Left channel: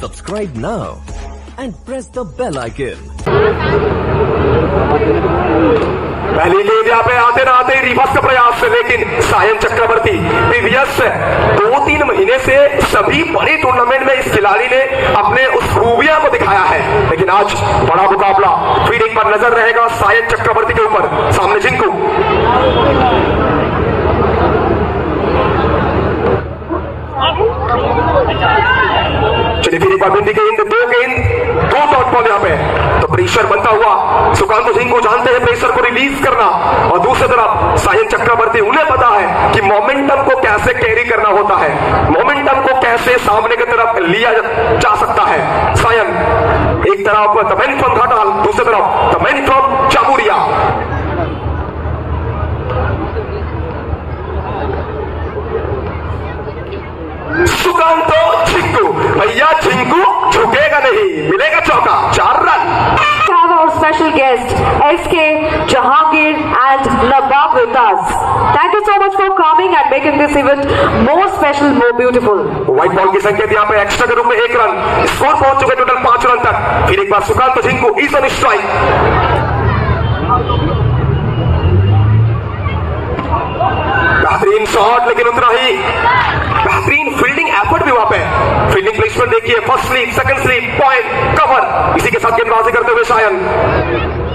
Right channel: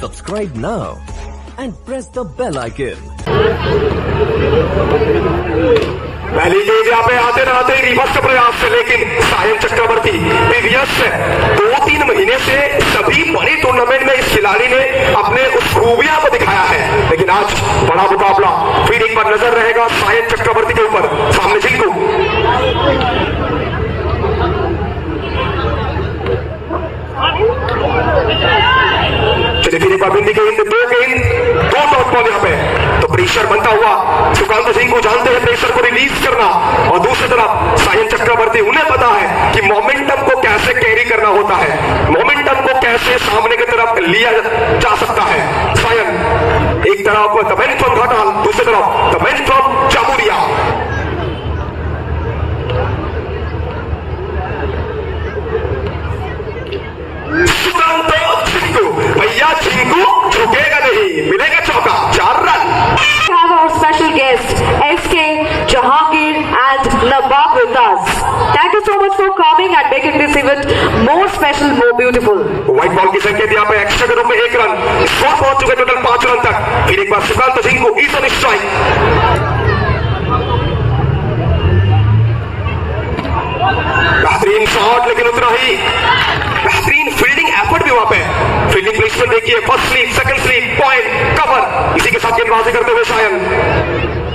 Subscribe now and press the bell icon. पहली यहाँ पे आते न आते का प्रयास लेकिन सायन चक्रवर्ती प्रीवियस दो तीन महीने से सभी बड़े टूर्नामेंट में इस खिलाड़ी ने अपने उस खूबिया को दिखाया है लेकिन आज बड़ा मुकाबला फिर पर नज़र रहेगा सायन चक्रवर्ती के ऊपर सामने जिनको चलिए फिर एक बार बिंदी गेंद दो गेंद दो डॉट बॉल यहाँ पे तो प्रेशर बनता हुआ सुकांत सिंह को जानते हैं प्रेशर को रिलीज़ करना। और दूसरी तरफ़ सायन चक्रवर्ती, उन्हें पता है कि मोमेंटम को कैसे कैरी करना होता है। मोमेंटम को कैसे सामने की तरफ़ लिया जा सकता है। सायन, एक तरफ़ तमेन फ्रॉम घाटाल, दूसरी तरफ़ तमेन फ्रॉम चामुरिया सुकांत झिंकू भैया झिंकू झुकेगा नहीं, मिलेगा चौका। चार रन। Event more special, more beautiful. White ball की संख्या यहाँ पे एक्स्ट्रा के रूप में एक रन स्कोर पहुँच चुके टोटल पाँच रन तक। फिर एक बार सुकांत सिंह को इस ऑन स्ट्राइक बेहतरीन शॉट लेकिन उतना ही बेहतरीन फील्डिंग एफर्ट भी वहाँ पे। फील्डिंग प्लेसमेंट देखिए first slip second slip point cover इसी के साथ गेंदबाजी करते हुए शायन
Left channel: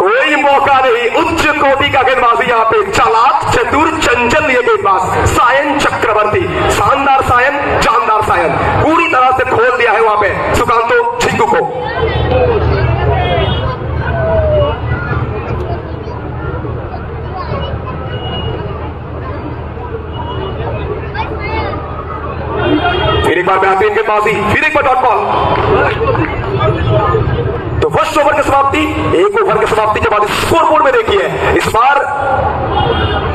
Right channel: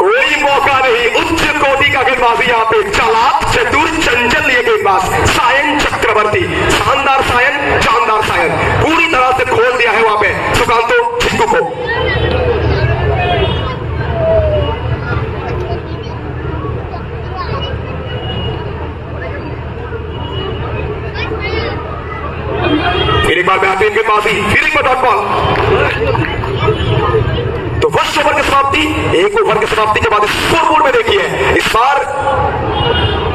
कोई मौका नहीं। उच्च कोटि का गेंदबाजी यहाँ पे चालाक, चतुर, चंचल, ये गेंदबाज सायन चक्रवर्ती। शानदार सायन, जानदार सायन। पूरी तरह से खोल दिया है वहाँ पे। सुकांतो झिंकू को। फिर एक बार बेहतरीन गेंदबाजी फिर एक बार डॉट बॉल तो फ़र्स्ट ओवर की समाप्ति, एक ओवर की समाप्ति के बाद स्कोर बोर्ड में देखिए। इस बार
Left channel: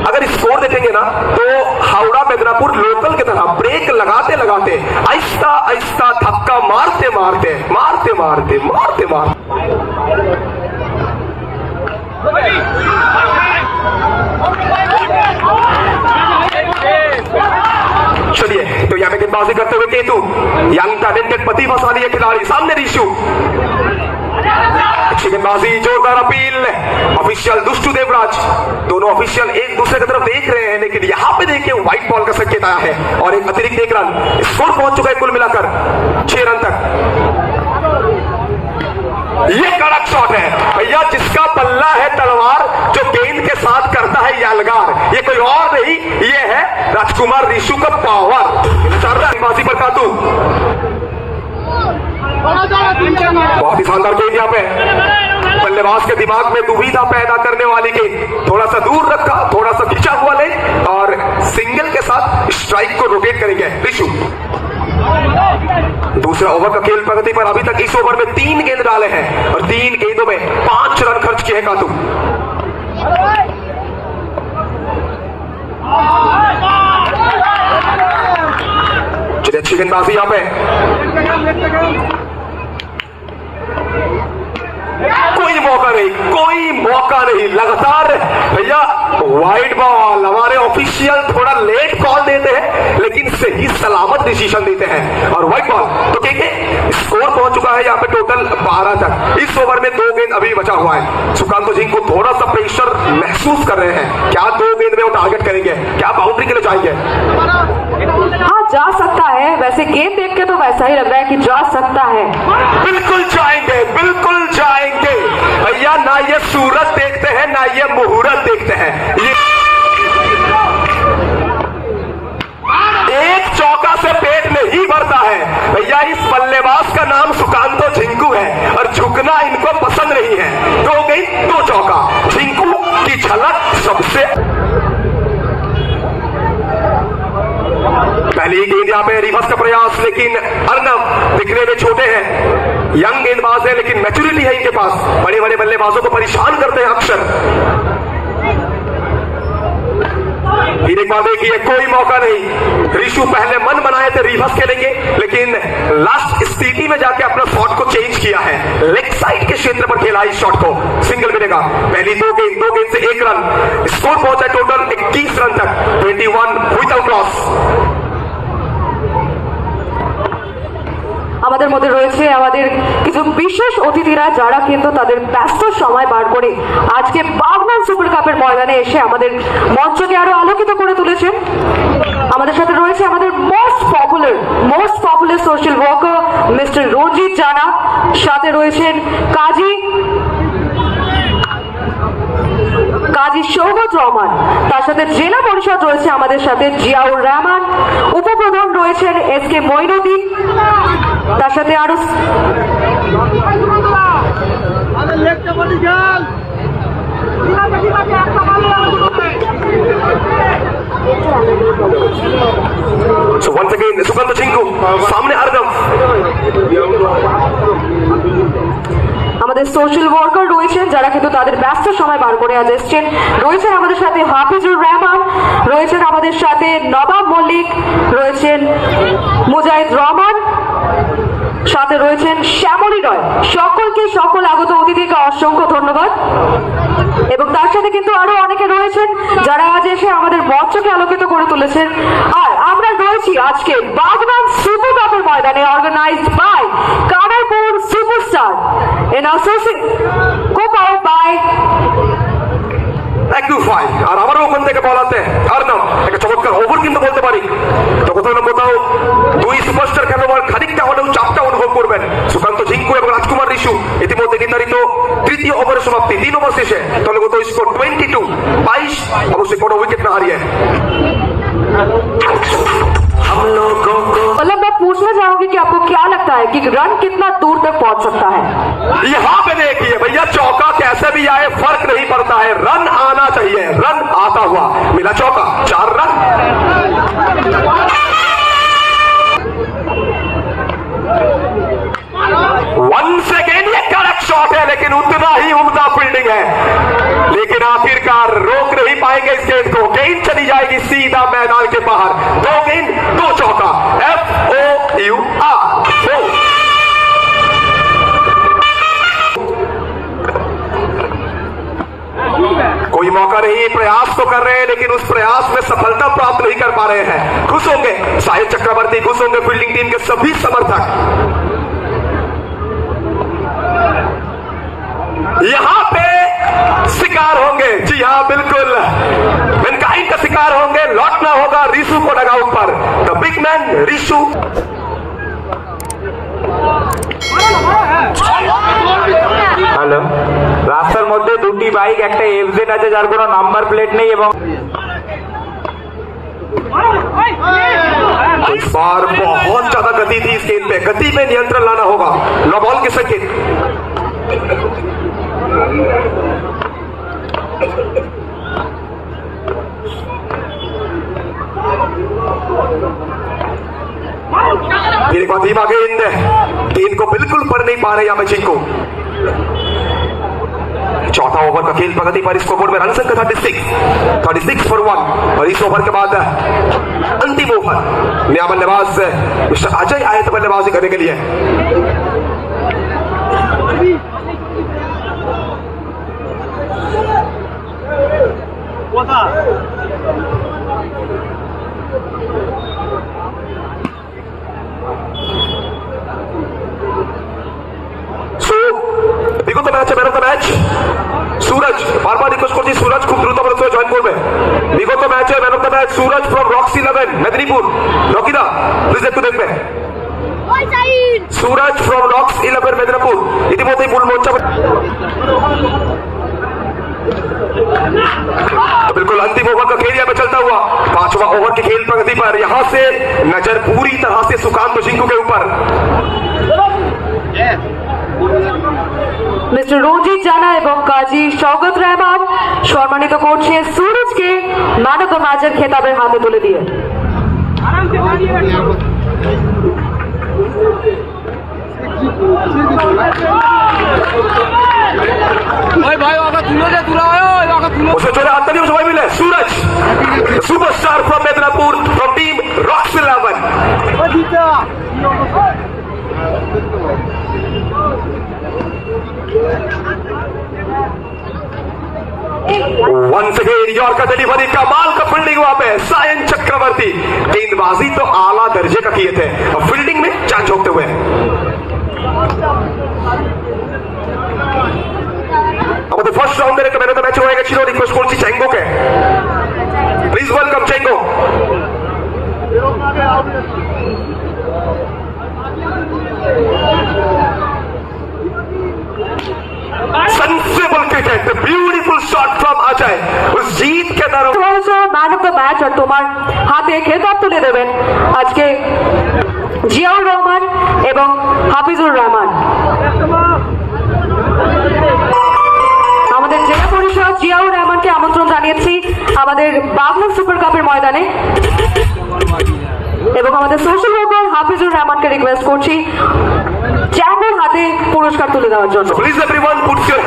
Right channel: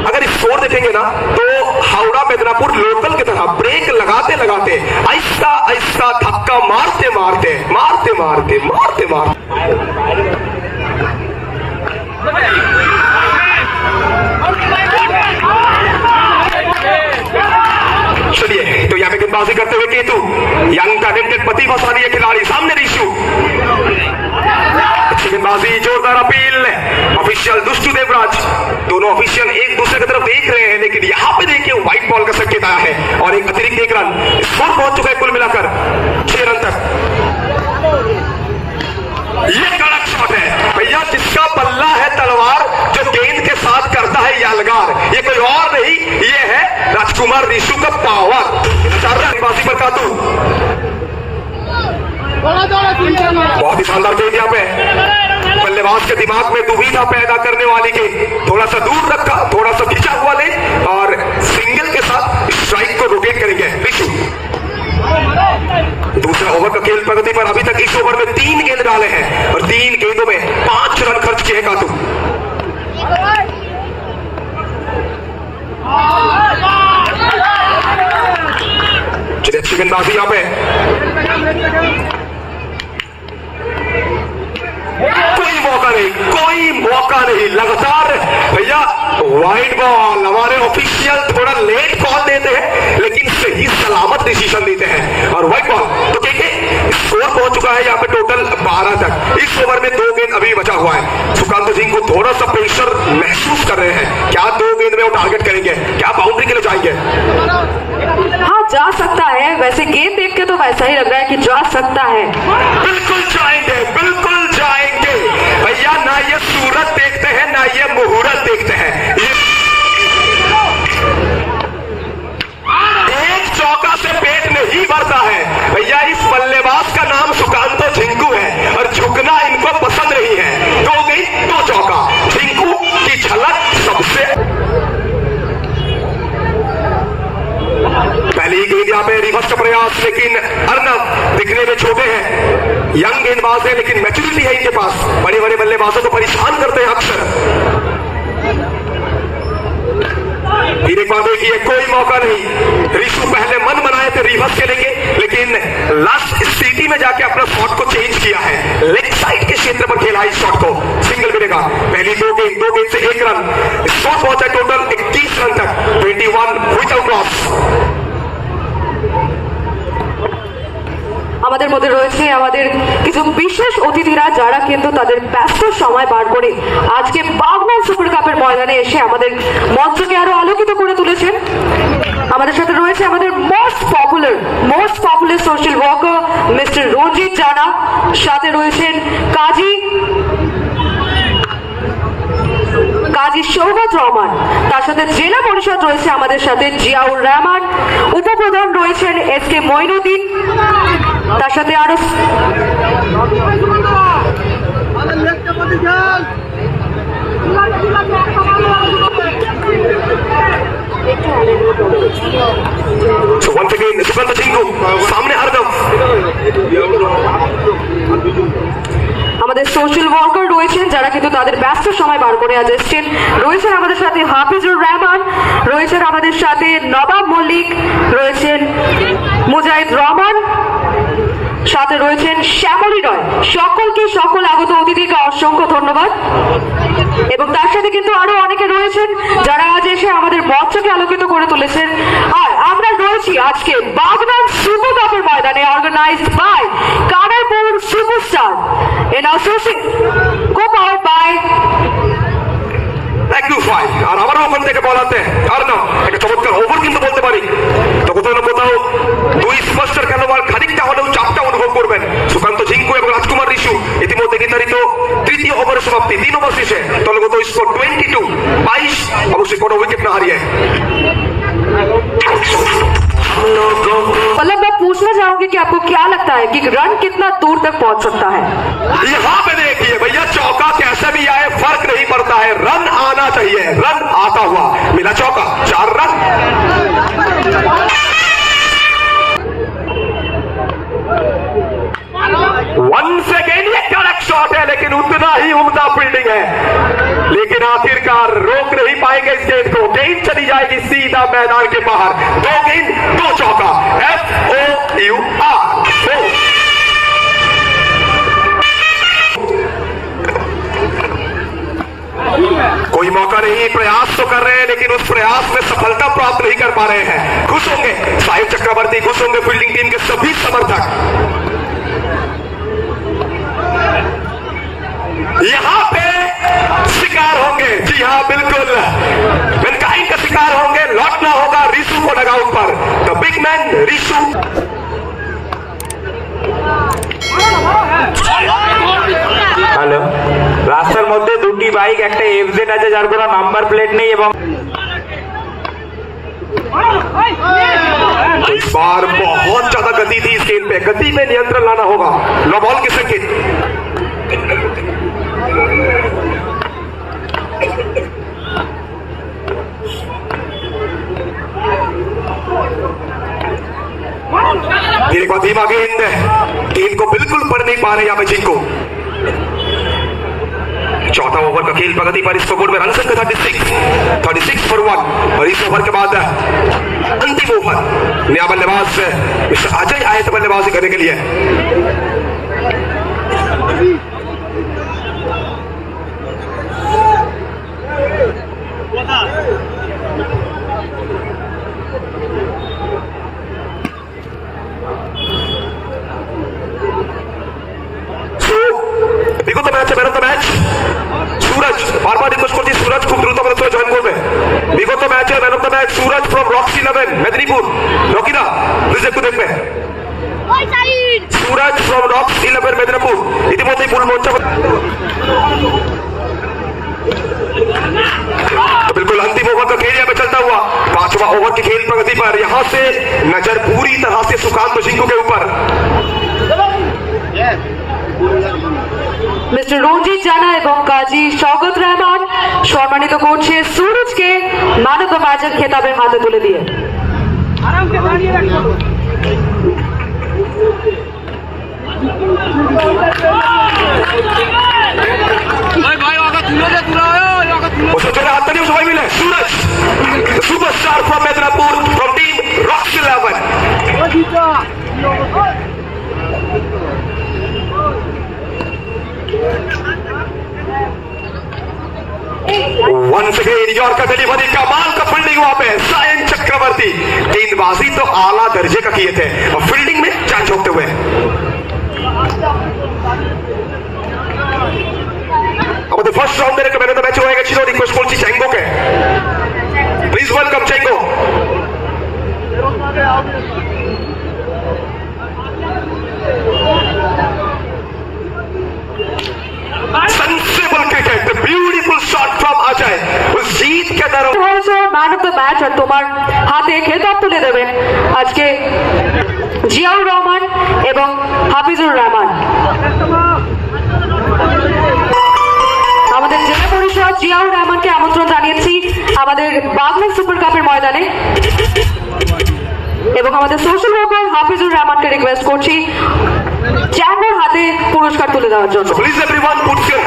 अगर स्कोर देखेंगे ना तो हावड़ा, मेदिनापुर लोकल की तरह ब्रेक लगाते लगाते आहिस्ता आहिस्ता धक्का मारते मारते मारते मारते मारते मारते। चलिए तो यहाँ पे गेंदबाजी करते हुए केतु, यंग टैलेंटेड प्रतिभाशाली और एक अतिरिक्त एक रन। स्कोर पहुँच चुका है कुल मिलाकर। छह रन तक। ये कड़क शॉट है। भैया, जिसका बल्ला है तलवार, जो गेंद के साथ करता है यालगार। ये कोई और नहीं, ये है राजकुमार ऋषु का पावर गेंदबाजी पर कातू बहुत ही शानदार गेंद यहाँ पे। बल्लेबाज के दिमाग में दुविधा पैदा करने वाली गेंद। थोड़ा सा दूर रखा। रोटेट करेंगे। दूसरा ओवर का खेल प्रगति पर अभी तक इस ओवर में तीन गेंद डाले हैं और तीन गेंदों में पाँच रन खर्च किए कातू चलिए, अच्छी गेंदबाजी यहाँ पे। कोई मौका नहीं, कोई मौका नहीं, लगातार वाइट बॉल हमारे ऑफिशियल थोड़ा लेट कॉल देते हैं लेकिन सही सलामत डिसीज़न देते हैं। और वाइट बॉल तो कहेंगे स्कोर पहुँच चुका है यहाँ पे टोटल बारह तक। इस ओवर में दो गेंद अभी बचा हुआ है। सुकांत सिंह को थोड़ा सा प्रेशर महसूस कर रहे हैं। क्या दो गेंद में वो टारगेट करेंगे? क्या बाउंड्री के लिए जाएँगे? हाँ जा सकता है। वैसे गेंद देख के तो वैसा ही लग रहा है कि जा सकता है। बिल्कुल जाएँगे बिल्कुल जाएँगे। भैया ना ये सूरत देखते हैं ना ये मुहूर्त देखते हैं। यहाँ पे रिवर्स का प्रयास, लेकिन अर्नब दिखने में छोटे हैं। यंग गेंदबाज है लेकिन मैच्योरिटी है इनके पास। बड़े बड़े बल्लेबाजों को परेशान करते हैं अक्सर। फिर एक बार देखिए, कोई मौका नहीं। ऋषु पहले मन बनाए थे रिवर्स खेलेंगे, लेकिन लास्ट स्थिति में जाके अपना शॉट को चेंज किया है। लेग साइड के क्षेत्र पर खेला इस शॉट को। सिंगल मिलेगा पहली दो गेंद दो गेंद से एक रन स्कोर पहुँचा टोटल इकतीस रन तक। 21 विदाउट लॉस আমাদের মধ্যে রয়েছে আমাদের কিছু বিশেষ অতিথিরা যারা কিন্তু তাদের ব্যস্ত সময় বার করে আজকে বাগনান সুপার কাপের ময়দানে এসে আমাদের মঞ্চকে আরও আলোকিত করে তুলেছেন। আমাদের সাথে রয়েছে আমাদের most popular most popular social worker mister Ranjit Jana. সাথে রয়েছেন কাজী কাজী সৌগত রহমান। তার সাথে জেলা পরিষদ রয়েছে আমাদের সাথে জিয়াউর রহমান। উপপ্রধান রয়েছেন এস কে মইনুদ্দিন তার সাথে আরও আমাদের সোশ্যাল ওয়ার্কার রয়েছেন যারা কিন্তু তাদের ব্যস্ত সময় বার করে আজ এসছেন। রয়েছেন আমাদের সাথে হাফিজুর রহমান রয়েছেন আমাদের সাথে নবাব মল্লিক রয়েছেন মুজাহিদ রহমান সাথে রয়েছেন শ্যামলী রয়। সকলকে সকল আগত অতিথিকে অসংখ্য ধন্যবাদ। এবং তার সাথে কিন্তু আরও অনেকে রয়েছেন যারা আজ এসে আমাদের মঞ্চকে আলোকিত করে তুলেছেন। আর আমরা রয়েছি আজকে বাগনান সুপার কাপের ময়দানে organised by Kanaipur superstar in associate co by আর আবারও ওখান থেকে বলাতে আর না, একটা চমৎকার ওভার কিন্তু বলতে পারি। তো কোথাও না কোথাও দুই স্পষ্টার খেলোয়াড় খানিকটা হলেও চাপটা করবেন সুকান্ত ঝিঙ্কু এবং রাজকুমার রিশু ইতিমধ্যে নির্ধারিত তৃতীয় ওভারের সমাপ্তি তিন ওভার শেষে দলগত স্কোর টোয়েন্টি টু বাইশ অবশ্যই কোনো উইকেট না হারিয়ে मतलब मैं पूछना चाहूंगी कि आपको क्या लगता है कि रन कितना दूर तक पहुंच सकता है यहाँ पे देखिए भैया चौका कैसे भी आए फर्क नहीं पड़ता है रन आना चाहिए रन आता हुआ मिला चौका चार रन मौका नहीं, प्रयास तो कर रहे हैं, लेकिन उस प्रयास में सफलता प्राप्त नहीं कर पा रहे हैं। खुश होंगे। साहिब चक्रवर्ती खुश होंगे, फील्डिंग टीम के सभी समर्थक। यहाँ पे शिकार होंगे। जी हाँ बिल्कुल। वेनकाइन का शिकार होंगे। लौटना होगा रिशु को लगाउट पर। The big man Rishu bike একটা এফজেড আছে যার কোনো নাম্বার প্লেট নেই এবং इस बार बहुत ज्यादा गति थी इस गेंद पे गति में नियंत्रण लाना होगा नो बॉल के संकेत फिर एक बार धीमा गेंद गेंद को बिल्कुल पढ़ नहीं पा रहे यहाँ पे को चौथा ओवर का खेल प्रगति पर इसको बोर्ड में रन संख्या thirty six thirty six for one और इस ओवर के बाद अंतिम ओवर नया बल्लेबाज मिस्टर अजय आए थे बल्लेबाजी करने के लिए। So, বিগত ম্যাচে man of the match Suraj from Roxy eleven Medinipur রকিদা please একটু দেখবে Suraj from rocks eleven Medinipur ইতিমধ্যেই ফুল মোর্চা बिल्कुल अंतिम ओवर का खेल यहाँ पे चलता हुआ पांचवा ओवर के खेल प्रगति पर यहाँ से नज़र पूरी तरह से सुकांत सिंह के ऊपर মিস্টার রঞ্জিত জানা এবং কাজী স্বগত রহমান। সম্মানিত করছে সুরজকে ম্যান মাঝের খেতাবের হাতে তুলে দিয়ে। Superstar from Medinipur from team Rox eleven once again yorker delivery कमाल का फील्डिंग वहां पे सायन चक्रवर्ती गेंदबाजी तो आला दर्जे का किए थे और फील्डिंग में चांद झोंकते हुए আমাদের ফার্স্ট রাউন্ডের একটা ম্যান অফ দ্য ম্যাচ হয়ে গেছিল রিকোয়েস্ট করছি চ্যাঙ্গোকে প্লিজ ওয়েলকাম চ্যাঙ্গো পাওয়া যায়। উস জিত কে দর আজকে জিয়াউর রহমান এবং হাফিজুর রহমান। আমাদের জেলা পরিষদ জিয়াউর রহমানকে আমন্ত্রণ জানিয়েছি আমাদের বাগনান সুপার কাপের ময়দানে। এবং আমাদের সোশ্যাল ওয়ার্কার হাফিজুর রহমানকে রিকোয়েস্ট করছি চ্যাম্বর হাতে পুরস্কার তুলে দেওয়ার জন্য। Please everyone put your